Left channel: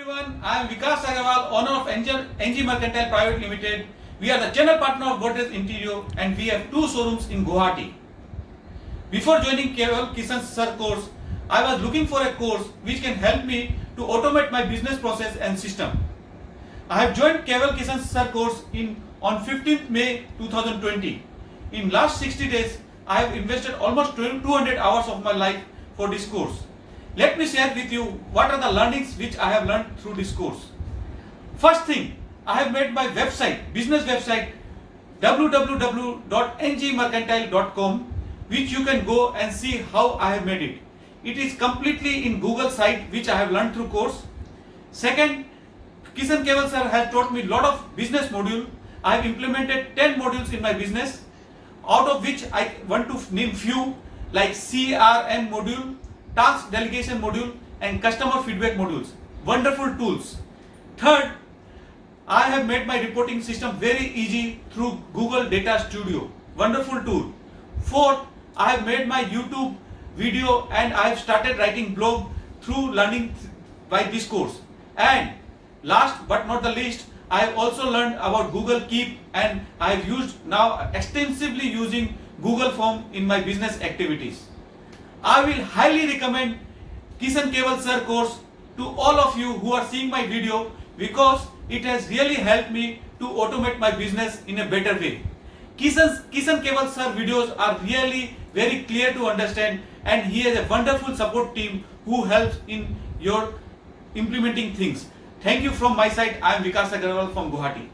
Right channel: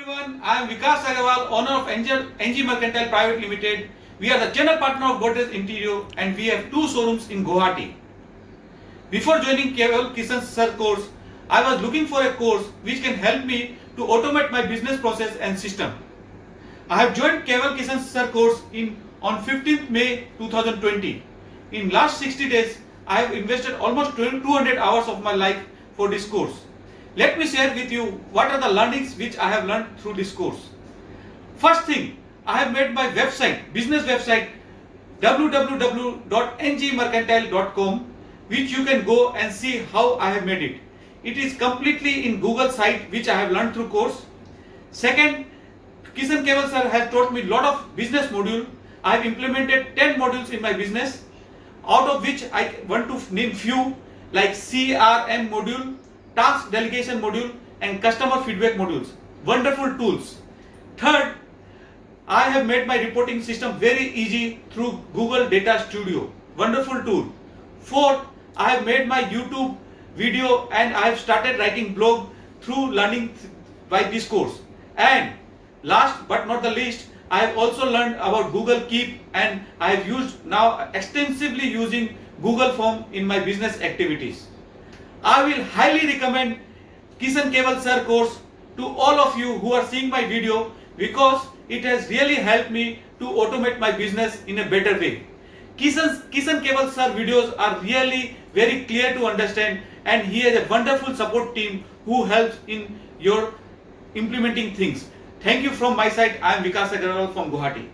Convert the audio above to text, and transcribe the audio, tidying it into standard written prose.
everyone, I am Vikas Agarwal, owner of NG Mercantile Private Limited. We are the general partner of Godrej Interior and we have 2 showrooms in Guwahati. Before joining Keval Kishan Sir course, I was looking for a course which can help me to automate my business process and system. I have joined Keval Kishan Sir course on 15th May 2020. In last 60 days, I have invested almost 200 hours of my life for this course. Let me share with you what are the learnings which I have learned through this course. First thing, I have made my website, business website www.ngmercantile.com, which you can go and see how I have made it. It is completely in Google site which I have learned through course. Second, Kishan Keval sir has taught me lot of business module. I have implemented 10 modules in my business, out of which I want to name few like CRM module, task delegation module and customer feedback modules. Wonderful tools. Third, I have made my reporting system very easy through Google Data Studio. Wonderful tool. Fourth, I have made my YouTube video and I have started writing blog through learning by this course. And last but not the least, I have also learned about Google Keep and I have used now extensively using Google Form in my business activities. I will highly recommend Kishan Keval sir course to all of you who are seeing my video because it has really helped me to automate my business in a better way. Kishan Keval sir videos are really very clear to understand and he has a wonderful support team who helps in your implementing things. Thank you from my side. I am Vikas Agarwal from Guwahati.